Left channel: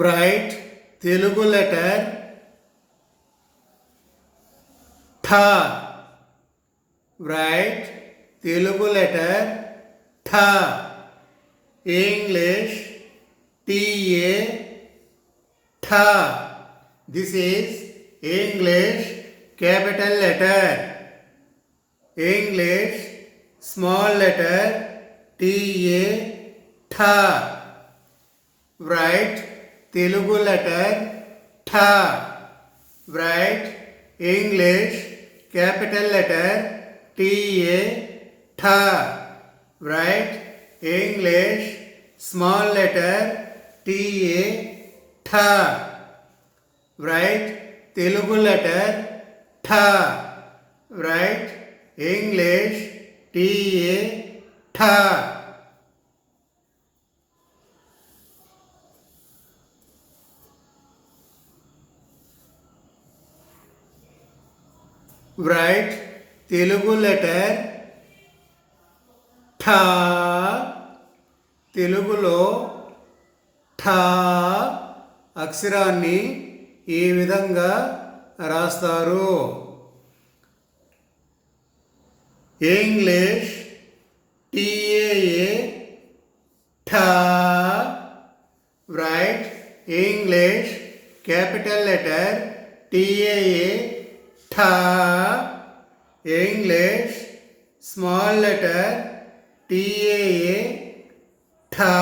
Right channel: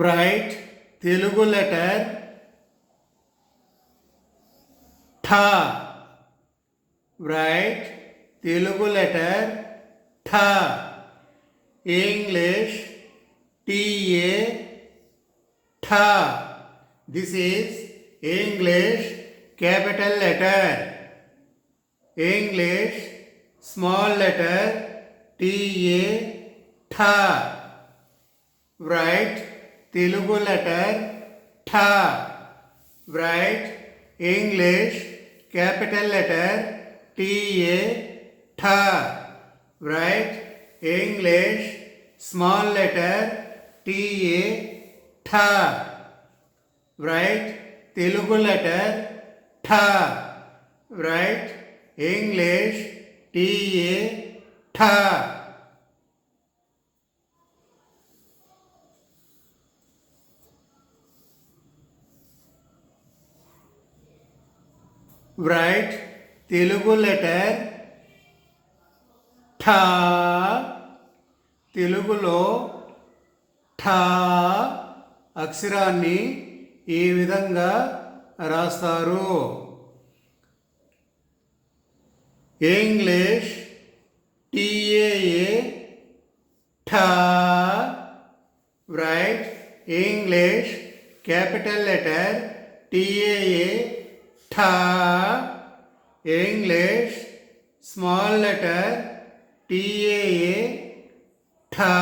Write Telugu letter Tha. Write Telugu letter Tha. English T-A Tha. This is English capital letter. English small letter T-A Tha. Write Telugu letter Tha. Write English capital letter T-A Tha. Write English small letter T-A Tha. Write Telugu letter Tha. Write English T-A Tha. Write Telugu letter ఠా. తెలుగులో ఠా అక్షరాన్ని ఈ విధంగా రాస్తారు. English T A A ఠా. Write English capital letter T A A ఠా. English small letter T A A ఠా.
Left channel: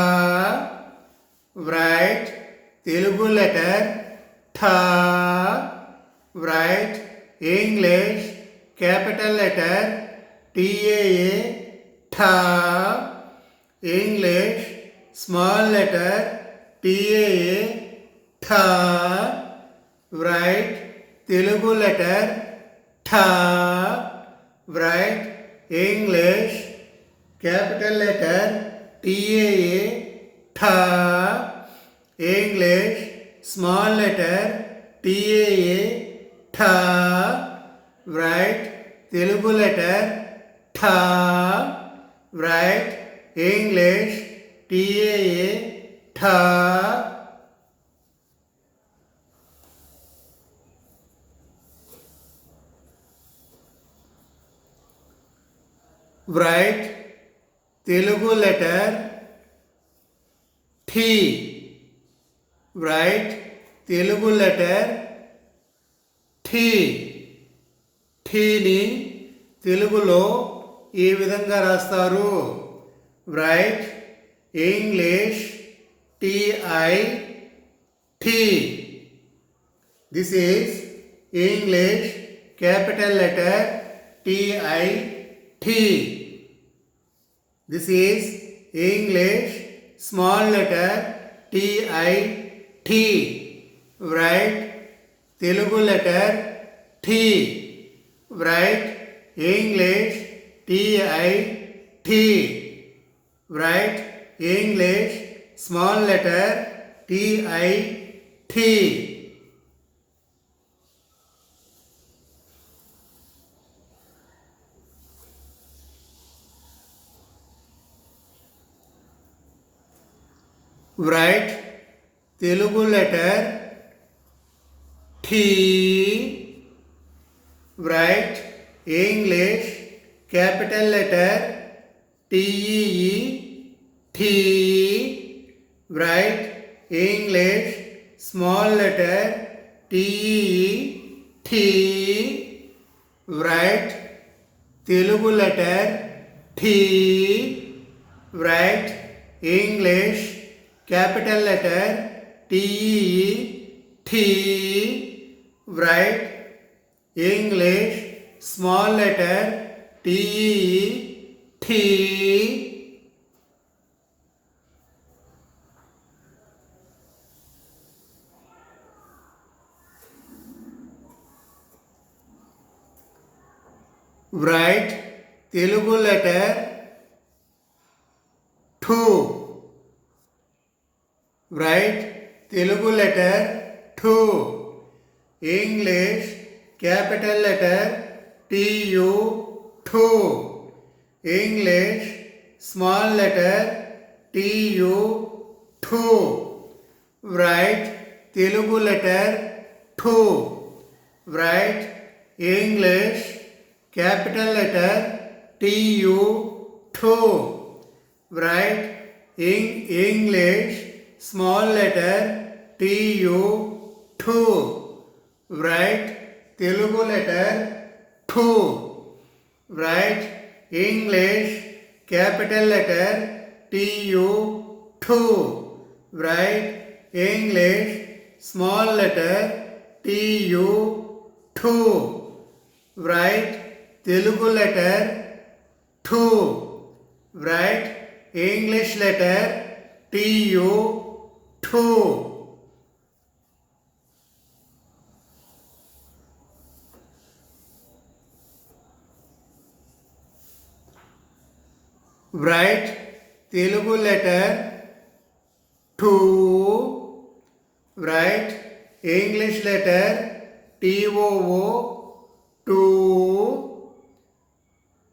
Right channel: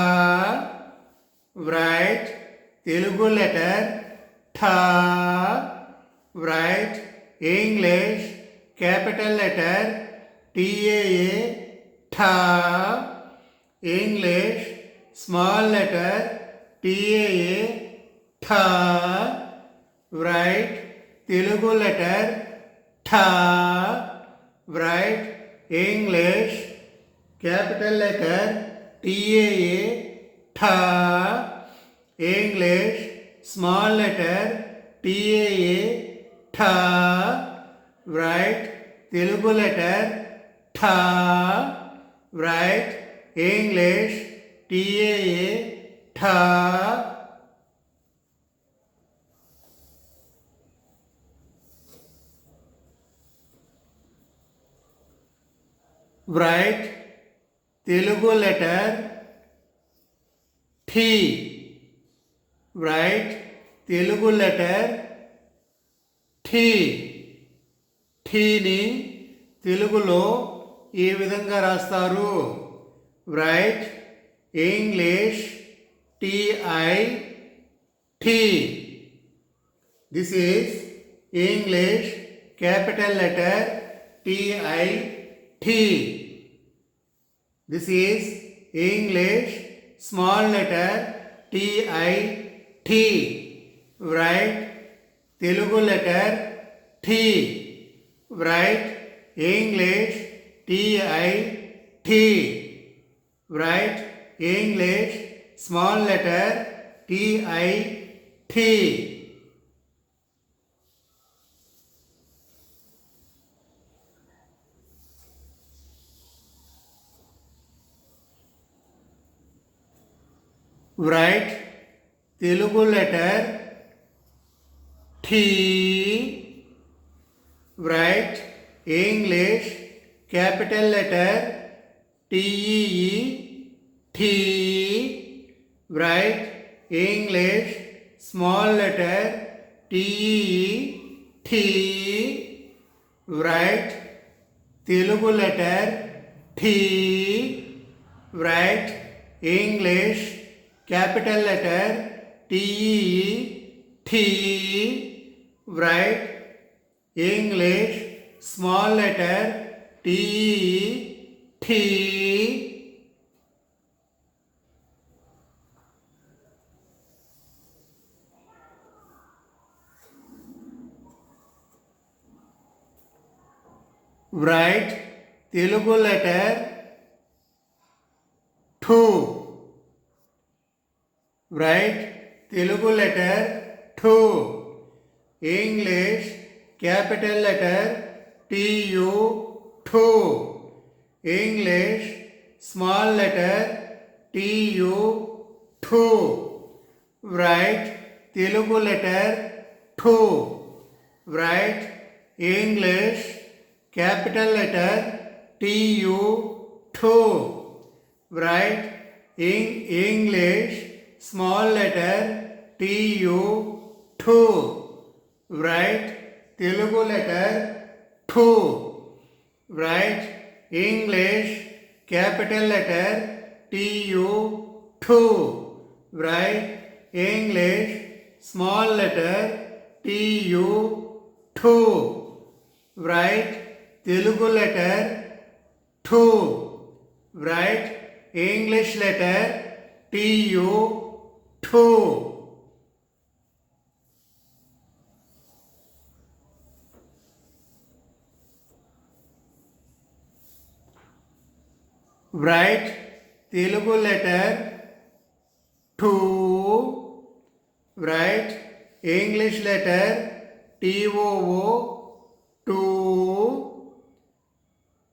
Write Telugu letter ఠా. Write English capital letter T A A ఠా. ఇంగ్లీష్ స్మాల్ లెటర్ టీఏఏ ఠా. రైట్ తెలుగు లెటర్ ఠా. Write English capital letter T-A-A ఠా. English small letter T-A-A ఠా. Write Telugu letter ఠా. Write English T-A-A ఠా. Write Telugu letter ఠీ. Write Telugu letter ఠీ. ఠీని తెలుగులో ఈ విధంగా రాస్తారు. రైట్ ఇంగ్లీష్ టీఐ ఠీ. This is English capital letter T I ఠీ. This is English small letter T-I-T. Write Telugu letter T. Write English T-I-T. Write English small letter T-I-T. Write Telugu letter ఠీ. Write English capital letter T-E-E ఠీ. Write English small letter T-E-E ఠీ. Write Telugu letter ఠీ. Write English capital letter T-E-E ఠీ. Write English small letter T-E-E ఠీ. Write Telugu letter ఠూ. Write Telugu letter ఠూ. English capital letter T-U ఠూ. English small letter T-U ఠూ. write Telugu letter 2. Write English capital letter TU 2. Write English small letter TU 2. Write Telugu letter 2. Write English capital letter TU 2. Write English small letter TU 2. Write Telugu letter 2. Write English letter TU 2. Write Telugu letter 2. Write English letter TOO 2.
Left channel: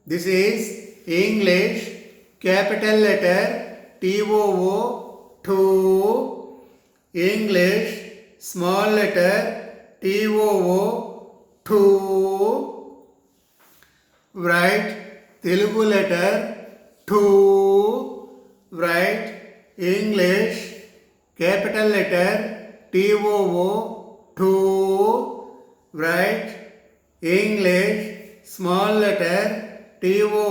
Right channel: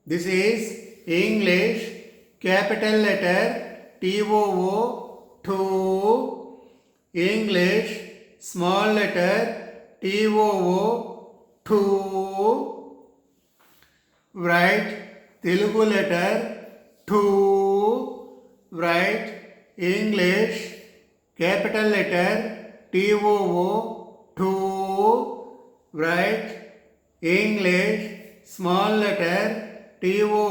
This is English capital letter TOO 2. English small letter TOO 2. Write Telugu letter 2. Write English capital letter TOO 2. Write English small letter TOO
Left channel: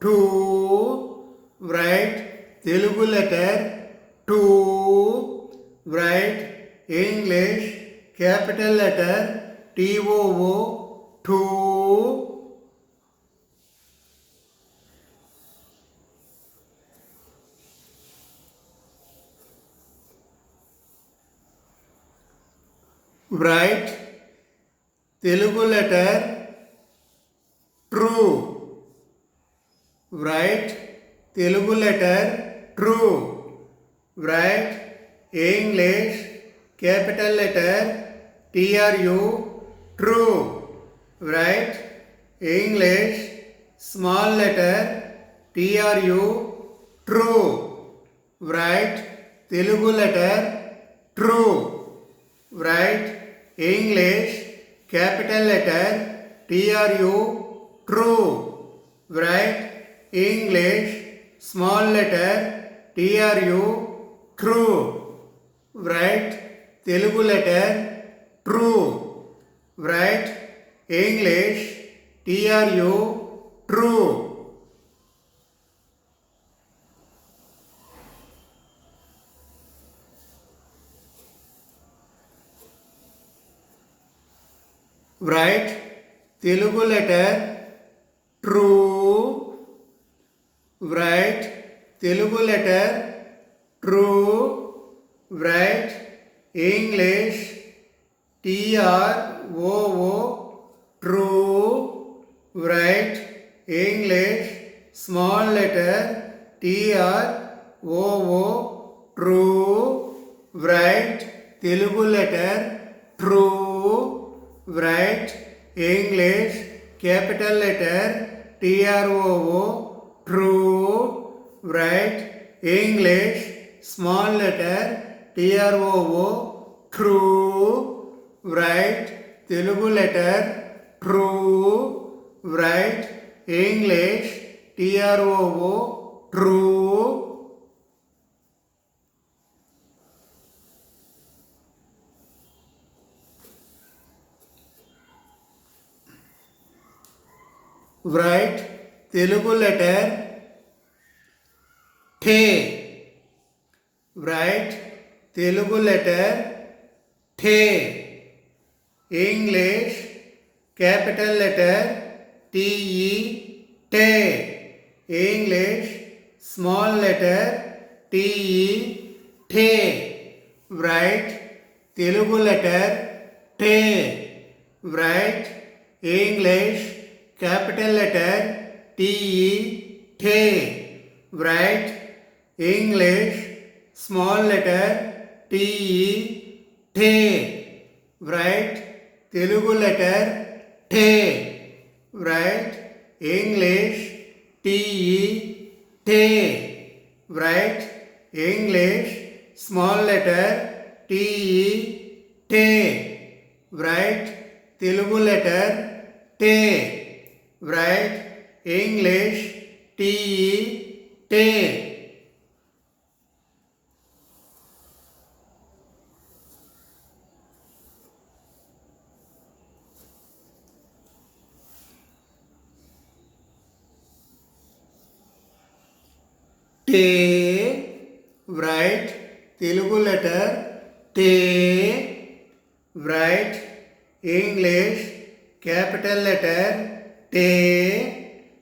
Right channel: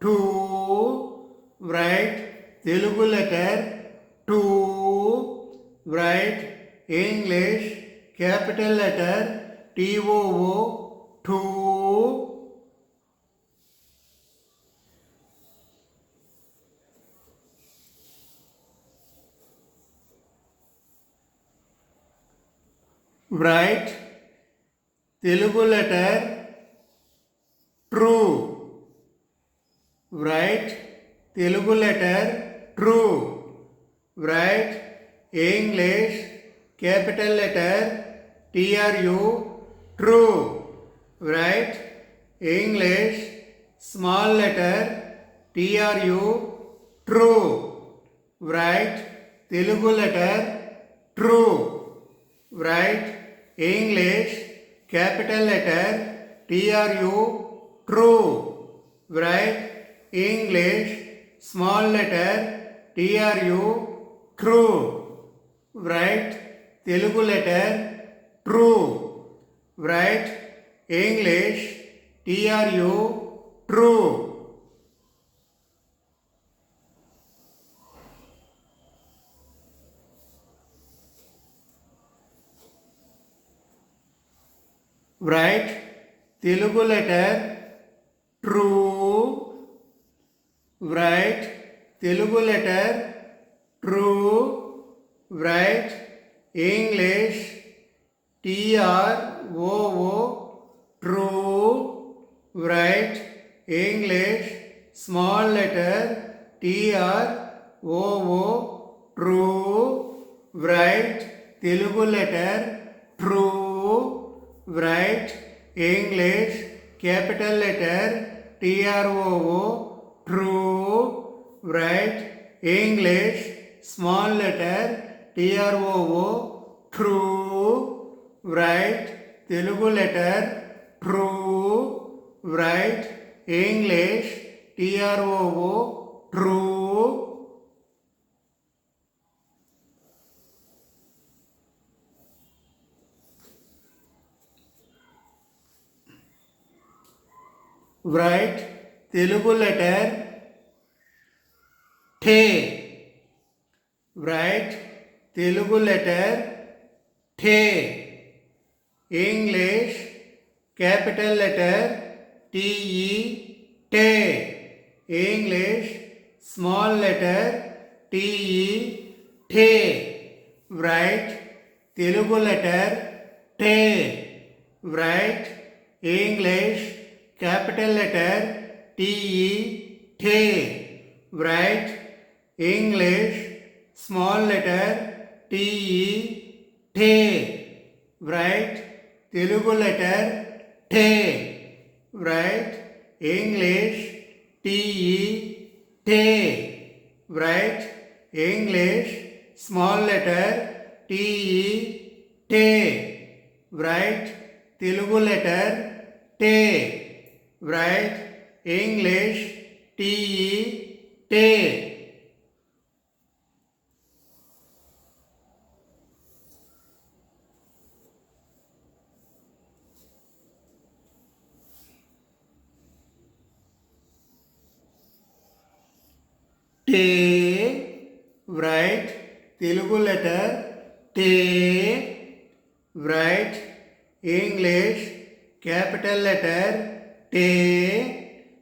2. Write Telugu letter 2. Write English capital letter TOO 2. Write Telugu letter true. Write Telugu letter true. Write English capital letter TRU true. Write English small letter TRU true. Write Telugu letter true. Write English capital letter TRU true. Write English small letter TRU true. Write Telugu letter true. Write English TRU true. Write Telugu letter true. Write Telugu letter true. Write English TROO true. Write English small letter TROO true. Write Telugu letter true. Write English capital letter TROO true. Write English small letter TROO true. Write Telugu letter true. Write English TROO true. Write Telugu letter the. Write Telugu letter the. English capital letter TE te. English small letter TE te. Write Telugu letter te. Write English capital letter TE te. Write English small letter TE te. Write Telugu letter te. Write English TE te. Write English small letter TE, te. Write Telugu letter te. Write English TE, te. Te. Write Telugu letter te. Write English capital letter te.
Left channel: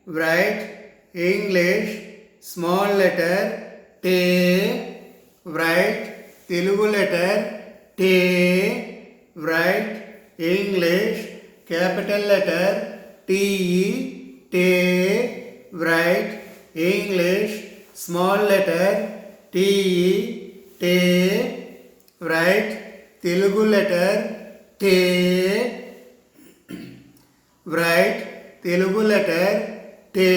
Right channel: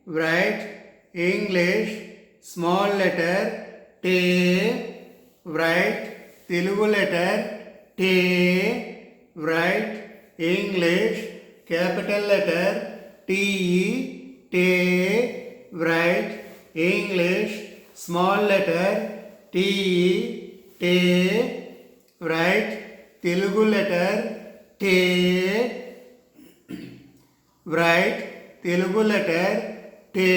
Write English small letter te. Write Telugu letter te. Write English capital letter te. Te. Write English small letter te. Te. Write Telugu letter te. Write Telugu letter te.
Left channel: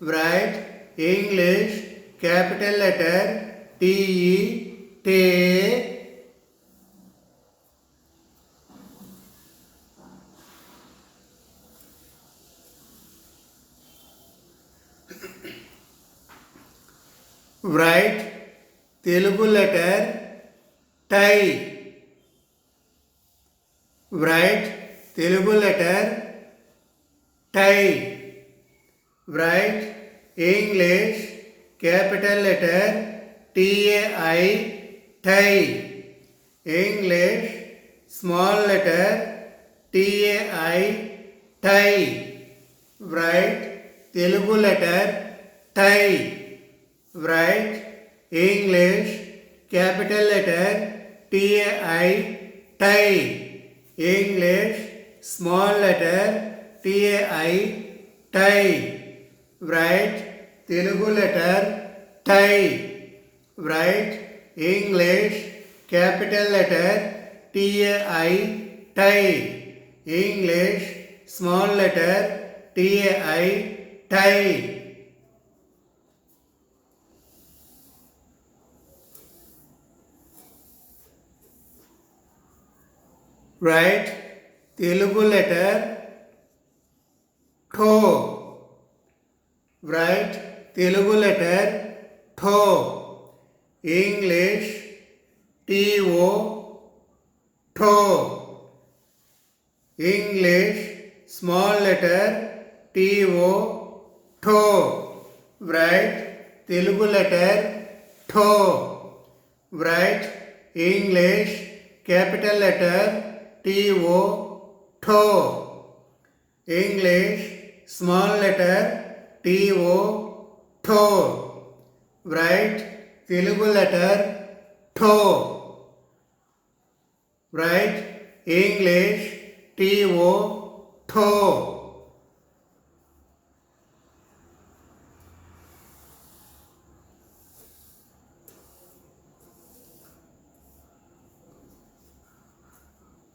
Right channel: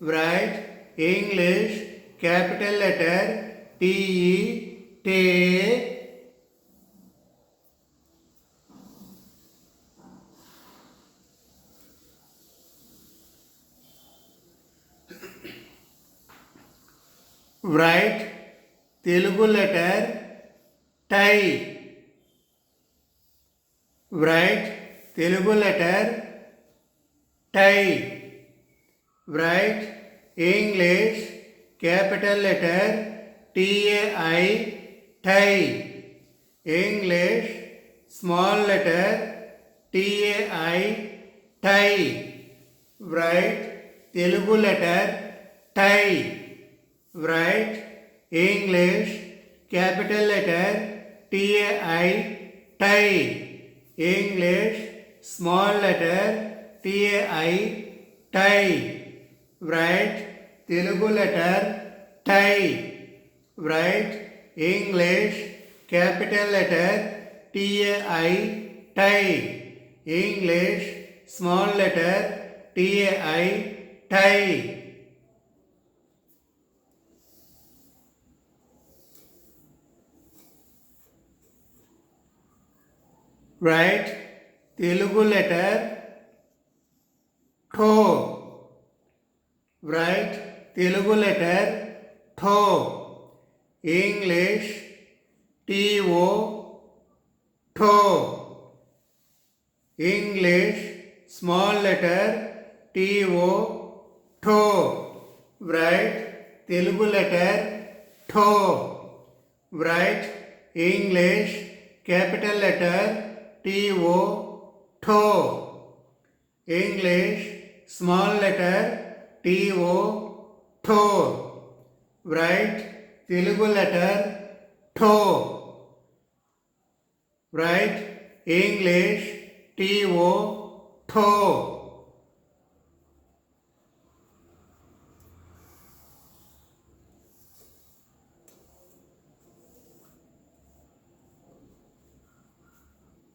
Write English capital letter te. Te. Write Telugu letter tie. Write Telugu letter tie. Write English capital letter TAI, tie. English small letter TAI, tie. Write Telugu letter tie. Write English capital letter TAI, tie. English small letter TAI, tie. Write Telugu letter tie. Write English capital letter TAI, tie. English small letter TAI, tie. Write Telugu letter tho. Write Telugu letter tho. English TO, tho. English small letter TO, tho. Write Telugu letter tho. Write English capital letter TO, tho. English small letter TO, tho. Write Telugu letter tho. Write English TO, tho.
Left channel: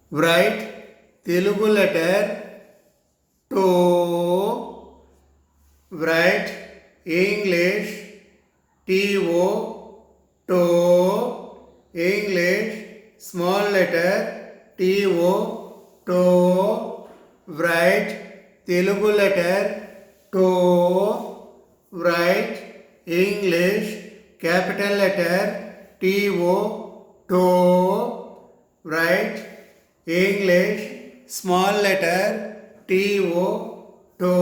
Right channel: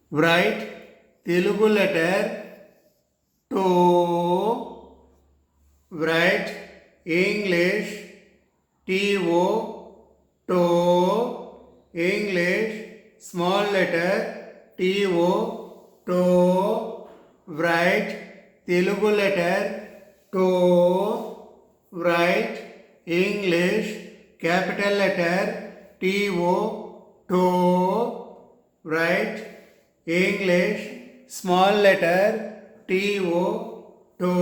Write Telugu letter to. Write English TO, to. English small letter TO, to. Write Telugu letter to. Write English capital letter TO, to. Write English small letter TO, to.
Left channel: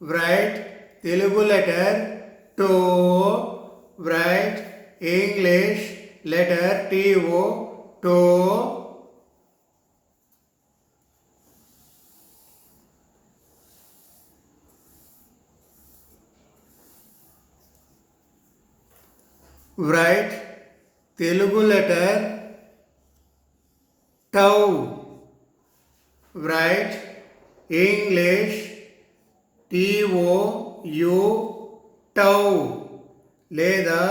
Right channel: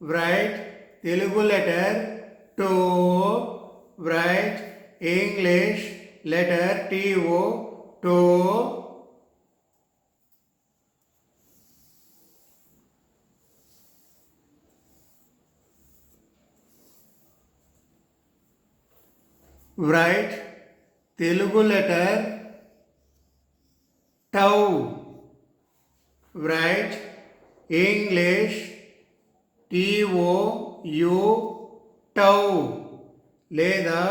Write Telugu letter to. Write English letter TO, to. Write Telugu letter tau. Write English TOU, tau. లేదా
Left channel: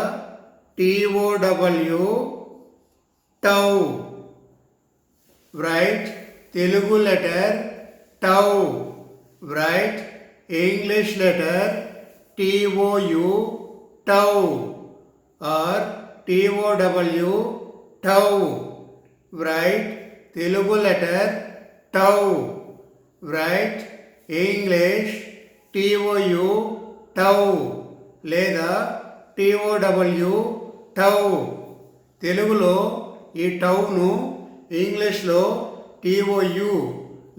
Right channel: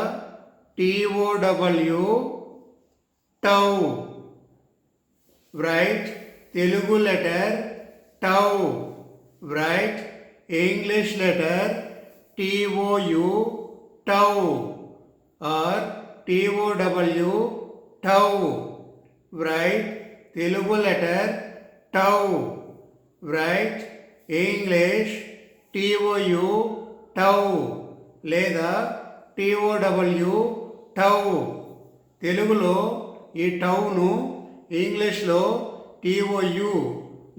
TOW, tau. Write Telugu letter tau. Write English letter TOU, tau. Or TOW, tau. Write Telugu letter tau. Write English TOU, tau లేదా TOW, tau. తెలుగులో ఈ town ఇంగ్లీష్లో TOU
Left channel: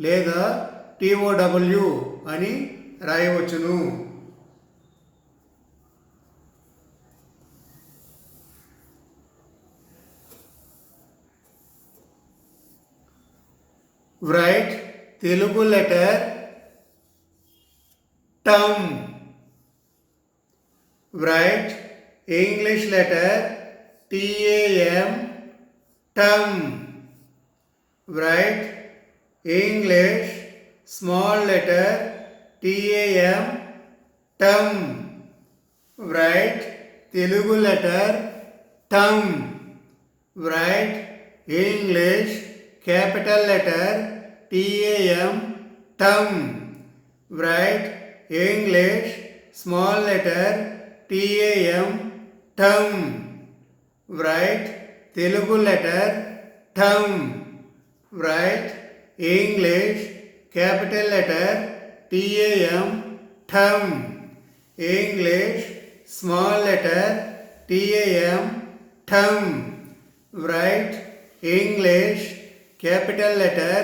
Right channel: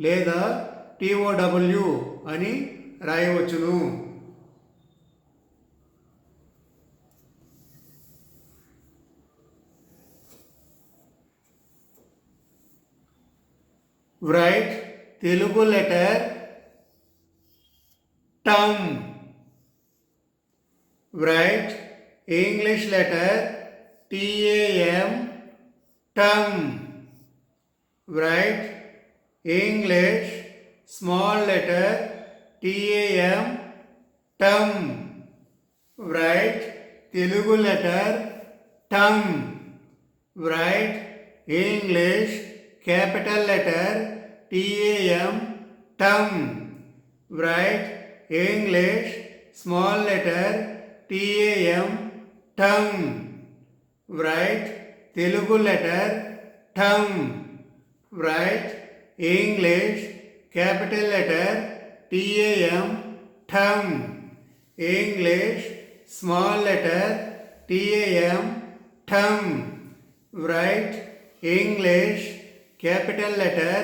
లేదా TOW అని రాయవచ్చును. Write Telugu letter టమ్. Write English letter TAM, టమ్. Write English small letter TAM, టమ్. Write Telugu letter టమ్. Write English capital letter TAM, టమ్. Write English small letter TAM, టమ్. Write Telugu letter టమ్. Write English capital letter TAM, టమ్. English small letter TAM, టమ్. Write English capital letter.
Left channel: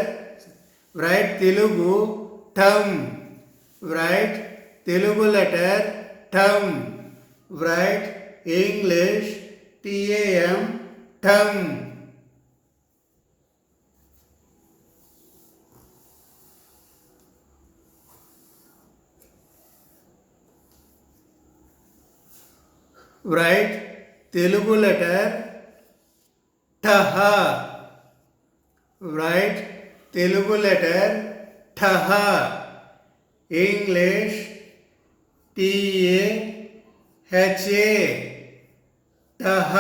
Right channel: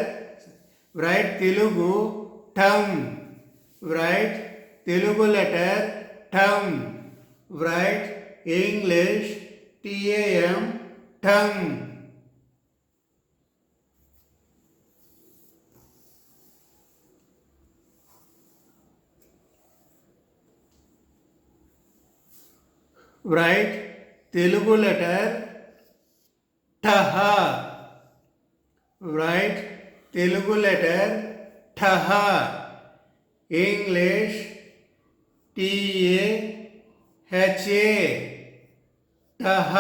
Write Telugu టమ్. Write Telugu letter టమ్. Write English TAM, టమ్. Write Telugu letter ఠహ. Write Telugu letter ఠహ. English TAHA, ఠహ.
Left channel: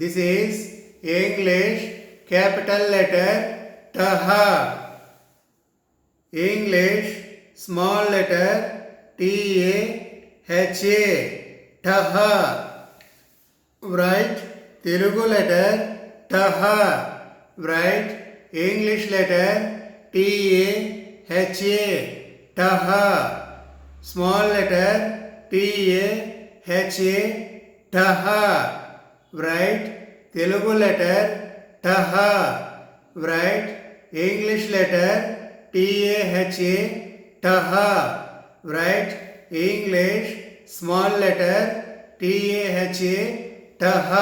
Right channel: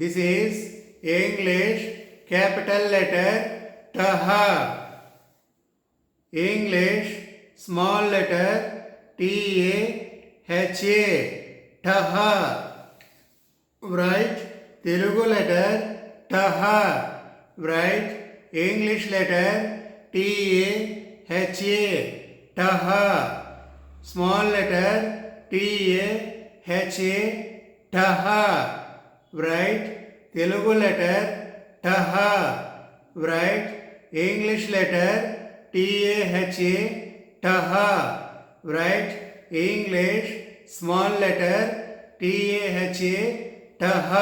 This is English capital letter ఠహ. English small letter TAHA, ఠహ. Write Telugu letter ఠహ. Write English letter TAHA, ఠహ. Small letter TAHA, ఠహ. Write Telugu letter ఠహ. Write English letter TAHA, ఠహ. Write English small letter TAHA, ఠహ.